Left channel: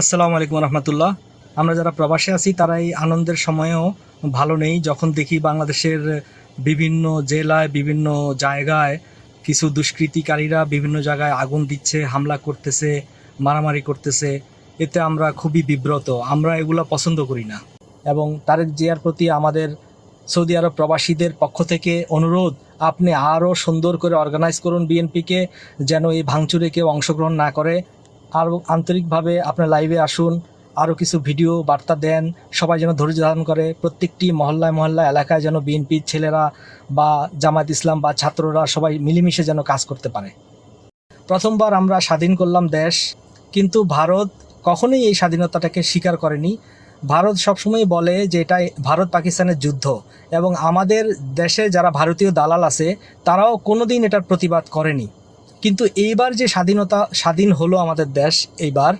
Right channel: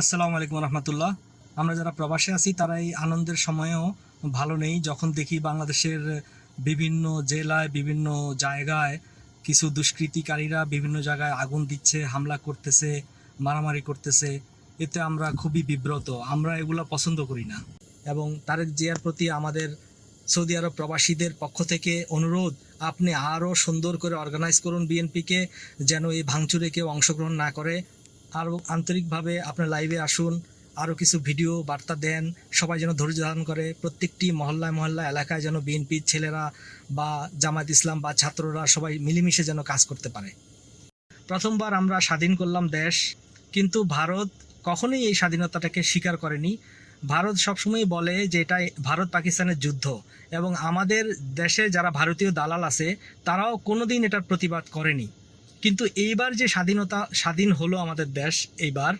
আসসালামু আলাইকুম রহমতুল্লাহ। আমরা যারা প্রবাসে আছি, তারা এই আনন্দের সময়েও ভালো নেই। যখন দেখি বাংলাদেশের বিভিন্ন জেলায়, বিভিন্ন জায়গায় কিছু দুষ্কৃতিকারীরা বিভিন্ন জায়গায় আগুন দিচ্ছে, হামলা করতেছে, মারামারি করতেছে, এতে আমরা খুবই বিব্রত। আমরা এগুলো পছন্দ করি না। এবং তারেক জিয়ার প্রতি আমাদের সৌদি আরব প্রবাসীদের পক্ষ থেকে অনুরোধ, আপনি আরও সুন্দর করে অর্গানাইজ করুন বিএনপিকে যেন এই ভাঙচুরে কেউ অংশগ্রহণ না করে। আরও আন্তরিকভাবে আপনার লাইভে আসুন আরও কিছু ভিডিও বার্তা দেন, সবাই যেন ধৈর্য ধারণ করে, প্রত্যেকটি মহল্লায় মহল্লায়, এলাকায় যেন বিএনপির ছেলেরা বা জামাত ইসলাম বা ছাত্ররা সবাই মিলেমিশে যেন কাজ করতে পারে। প্রথমবার আমরা স্বাধীন করলাম দেশ, কিন্তু ভারত কখনোই এই স্বাধীনতাটাকে স্বীকার করেনি। ভারত সবসময় বলে যে এটা ভারত পাকিস্তানের যুদ্ধ এবং আমাদের দেশে যারা ভারতীয় দালাল আছে, তারাও কোনোদিন এটার প্রতিবাদ করেনি। কিন্তু এইবার যে স্বাধীনতা, স্বাধীন হলো আমাদের দেশ এইবার,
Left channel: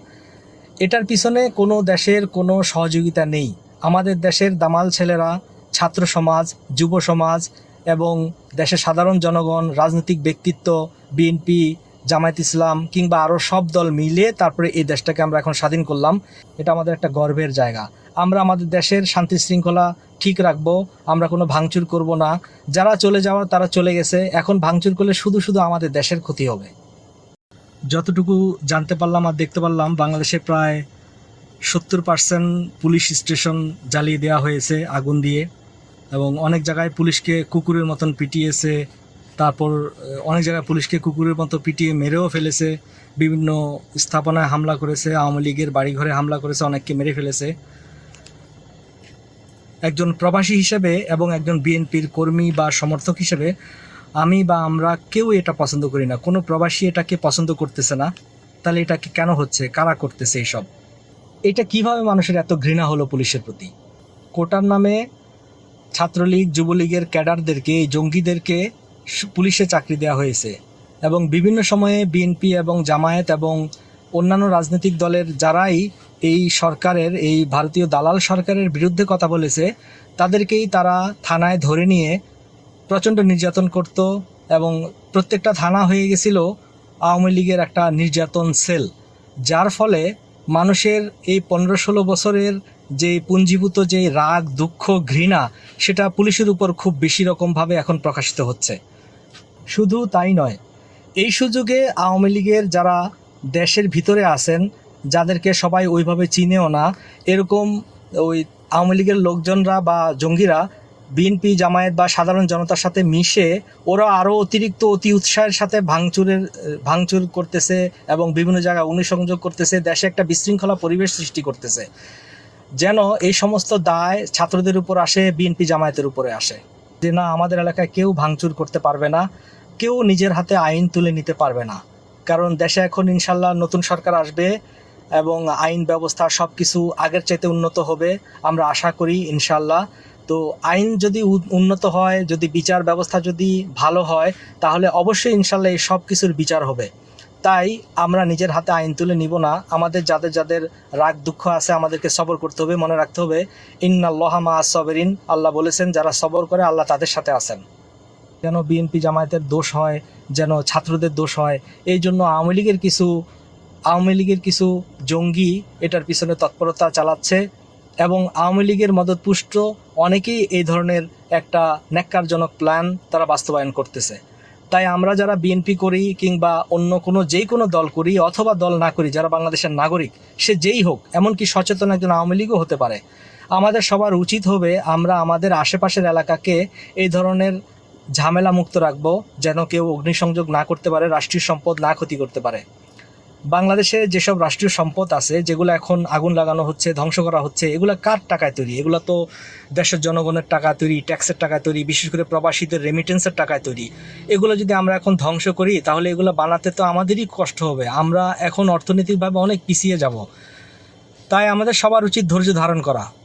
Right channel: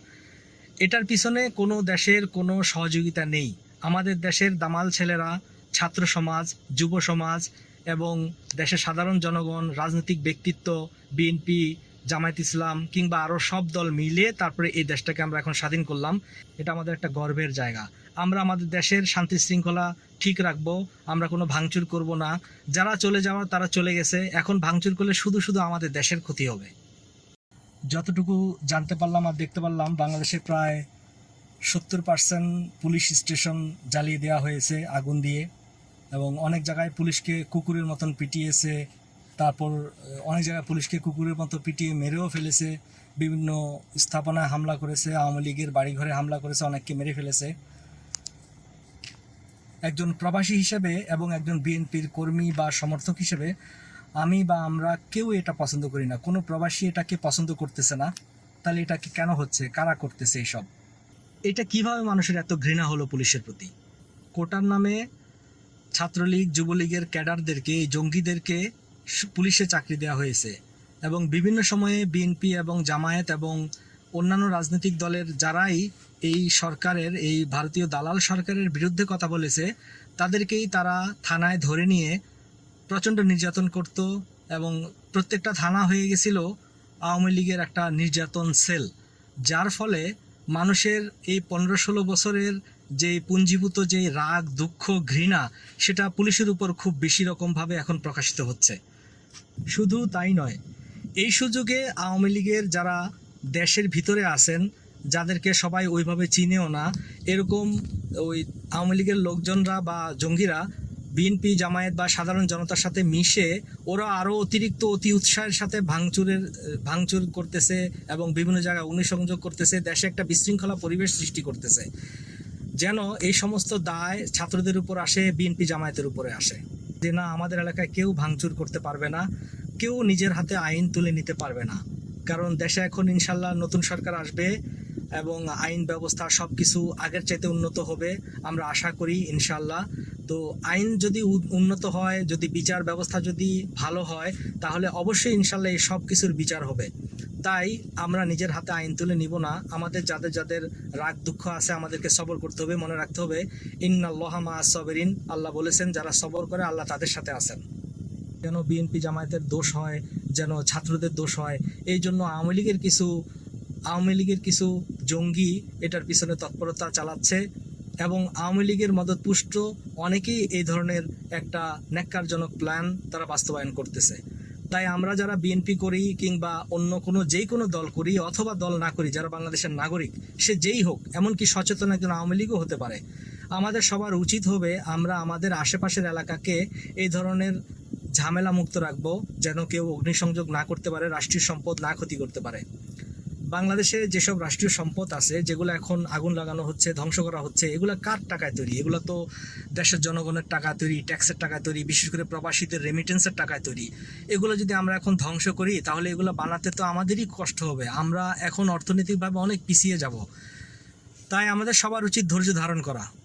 এটার পিছনে কোনো দেশের কোনো সহযোগিতা নেই। আমাদের দেশের দামাল ছেলেরা, ছাত্র সমাজ, যুব সমাজ এবং দেশের সাধারণ জনগণ, রাজনৈতিক ব্যক্তিত্ব, বিএনপি, জামায়াত ইসলাম কিংবা আরও সব দল মিলে তারপরে এই দেশটাকে আমরা এখন স্বাধীন করলাম। এটা আমাদের একটা গর্বের জায়গা। আমরা আমাদের দেশের শান্তি শৃঙ্খলা ঠিক রাখব, আমরা কোনো ভাঙচুর করব না। যারা চলে যাওয়ার, তারা চলে গেছে। এখন ভাঙচুর করলে শুধু শুধু আমাদের দেশের ক্ষতি হবে। যতটুকু জানতে পারলাম আর দেখতে পারলাম, বাংলাদেশে প্রায় সত্তর পার্সেন্ট পুলিশ স্টেশন জ্বালিয়ে দেওয়া হয়েছে আগুন দিয়ে এবং অনেক জায়গায় পুলিশকে কুকুরের মতন পিটিয়েছে। তারপর অনেক জায়গায় পুলিশকে কুকুরের মতো পিটিয়ে মেরেও ফেলেছে। বিভিন্ন স্থাপনায় হামলা করেছে, আওয়ামী লীগের বাড়িঘরে হামলা করেছে, অনেককে মেরে ফেলেছে। একজন প্রবাসী হিসেবে এবং একজন বিএনপির কর্মী বা সমর্থক হিসেবে আমি বা আমরা কেউ এটা পছন্দ করি না। কোনো প্রবাসী এটাকে পছন্দ করতেছে না। তাহলে এটাকে কেন হচ্ছে? কারা করতেছে এইসব? এটা কীভাবে মানুষের এত ঘৃণা হলো পুলিশের প্রতি? কোটার নামে ছাত্রলীগ, যুবলীগের ক্যাডারদেরকে এই জঙ্গিদেরকে পুলিশে চাকরি দেওয়া হয়েছে এবং বিভিন্ন সময়ে বিএনপি এবং জামায়াত এবং অন্যান্য রাজনৈতিক দলের যারাই এই সরকারের, এই ভারতীয় দালাল সরকারের বিরুদ্ধে কথা বলেছে, তাদেরকেই তারা থানায় ধরে নিয়ে প্রচণ্ড নির্যাতন করত এবং প্রত্যেকটা থানা হয়ে গেছিল আওয়ামী লীগের একটা নির্যাতন সেল, যার ফলে মানুষের এই পনেরো ষোলো বছরের যে পুঞ্জীভূত যে রাগ, দুঃখ, ঘৃণা, সেটা পুলিশের উপর খুব বেশি রকমভাবে এখন প্রকাশিত হচ্ছে। শুধু তাই নয়, এই সুযোগে আওয়ামী লীগের যারা দেশের ভিতরে আছেন যাদেরকে সবাই ওইভাবে চিনেও না, এরকম ওই আওয়ামী লীগের লোকজনরা বা জঙ্গিরা বিএনপি, জামায়াত বা সাধারণ জনতার সাথে মিশে ওরা আরও অতিরিক্ত অতি উৎসাহের সাথে ভাঙচুরের, ভাঙচুর করতেছে এবং বিভিন্ন জায়গায় অগ্নিসংযোগ করতেছে, দেশে একটা বিশৃঙ্খলা পরিবেশ সৃষ্টি করতেছে। যেন এই সমস্ত দায় ছাত্রদের উপর আসে, বিএনপি জামায়াতের উপরে আসে। যে না, আমাদের এলাকায় কেউ ভাঙচুর করতে পারবে না, কেউ নিজের হাতে আইন তুলে নিতে পারবে না। কারণ দেশে এখন ইনশাল্লাহ নতুন সরকার আসবে এবং আইন ব্যবস্থা সব কিছু আগের চাইতে উন্নত হবে, আমরা আশা করি ইনশাল্লাহ তো আইন যদি উন্নত হয়, যদি বিচার ব্যবস্থা যদি ভালো হয়, তাহলে অবশ্যই ইনশাল্লাহ এই সব কিছুর বিচার হবে। তাই আমরা নিজের হাতে আইন তুলে নিব না। আমাদের যাদের যাদের রাগ দুঃখ আছে, আমাদেরকে সবর করতে হবে, মনে রাখতে হবে, ইন্নাল্লাহ মা সবেরিন। আল্লাহ বলেছেন, যারা সবর করে, আল্লাহ তাদের সাথে আছেন। যেন বিএনপি জামায়াতের দোষ হয়, যেন ছাত্রদের দোষ হয়, এই জন্য আওয়ামী লীগের কিছু আওয়ামী লীগের কিছু জঙ্গি এটার পিছনে তৎপরতা চালাচ্ছে এবং আওয়ামী লীগের মদতপুষ্ট অনেকেই এই ধরনের একটা ন্যাক্কারজনক প্ল্যান তারা বাস্তবায়ন করতেছে। তাই আমরা যারা বিএনপি করি কিংবা অন্য কোনো যেই কোনো দল করি অথবা দল না করি, যারা বাংলাদেশের নাগরিক, সে যেই হোক, এমনকি সচেতন একজন আওয়ামী লীগও হতে পারে। আমাদের সবার উচিত হবে আমরা আমাদের আশেপাশের এলাকাকে এই ধরনের ঝামেলা মুক্ত রাখব, যেন কেউ অগ্নিসংযোগ না করতে পারে, রাষ্ট্রীয় সম্পদ না ক্ষতি করতে পারে। বাংলাদেশে যেসব রাষ্ট্রীয় সম্পদ আছে, যেগুলো এখন আগুন লাগানো হচ্ছে, ধ্বংস করা হচ্ছে, এগুলো কার টাকায় তৈরি? এগুলো তো দেশের জনগণের টাকা তৈরি, ট্যাক্সের টাকায় তৈরি, বিশেষ করে প্রবাসীদের রেমিটেন্সের টাকায় তৈরি। এগুলো যদি আমরা এখন ধ্বংস করি, তাহলে এগুলো বানাতে তো আমাদেরই কষ্ট হবে। আমরা এখন অর্থনৈতিকভাবে অনেক পিছিয়ে যাব। তাই আমাদের সবার উচিত ধৈর্য ধারণ করা।